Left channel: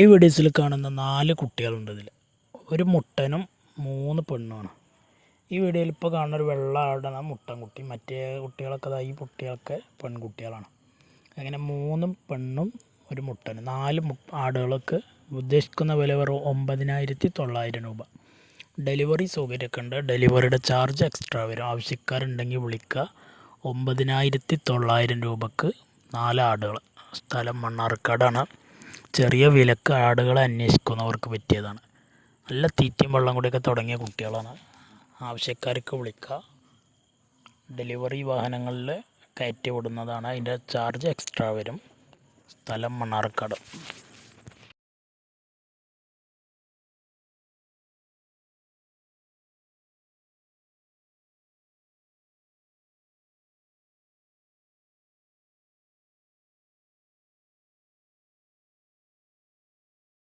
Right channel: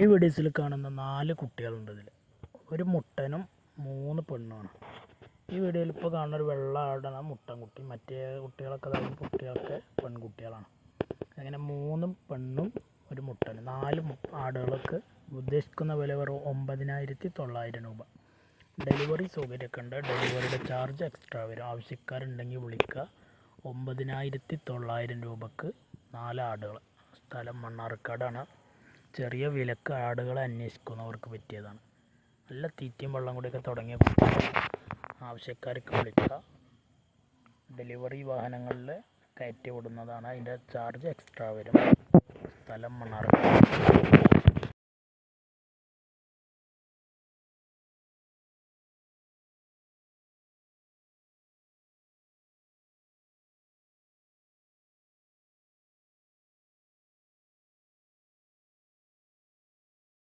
ഈ വീഡിയോസിൽ കാണുന്ന 4 കുട്ടികളുണ്ട്. ഇതിൽ ഒരു മുട്ടനും 3 പെണ്ണുമാണ്. ഈ വീഡിയോയിൽ ഇപ്പോൾ കാണുന്ന ഒരു വെള്ള ആടാണ് മുട്ടൻകുട്ടി. മറ്റേ കുട്ടികളൊക്കെ ഈ കുട്ടികളൊക്കെ പെൺകുട്ടികളാണ്. അങ്ങനെ 3 പെണ്ണും ഒരു മുട്ടനും 4 ആടുകൾക്ക് ഉദ്ദേശിക്കുന്ന വില വെറും 9,900 രൂപ. ഡെലിവറി സൗകര്യമൊക്കെ ഉണ്ട്. ഡെലിവറിയുടെ ചാർജ് എക്സ്ട്രാ വരും. ആവശ്യക്കാരുണ്ടെങ്കിൽ വിളിക്കുക. 9,900 രൂപക്ക് 4 ആടുകൾ. സ്ഥലം മണ്ണാർക്കാടാണ്. ചെറിയ വിലക്ക് ആടുകളെ അന്വേഷിക്കുന്നവർക്ക് പറ്റിയതാണ്. നല്ല തീറ്റയും വെള്ളം കൂടിയൊക്കെ തുടങ്ങിയ കുട്ടികളാണ്. ആവശ്യക്കാർക്ക് വിളിക്കുക. ഡെലിവറി വാഹനങ്ങളിൽ കയറ്റി വിടുന്നതാണ്. അതിൻ്റെ ചാർജ് എക്സ്ട്രാ വരും. സ്ഥലം മണ്ണാർക്കാട്.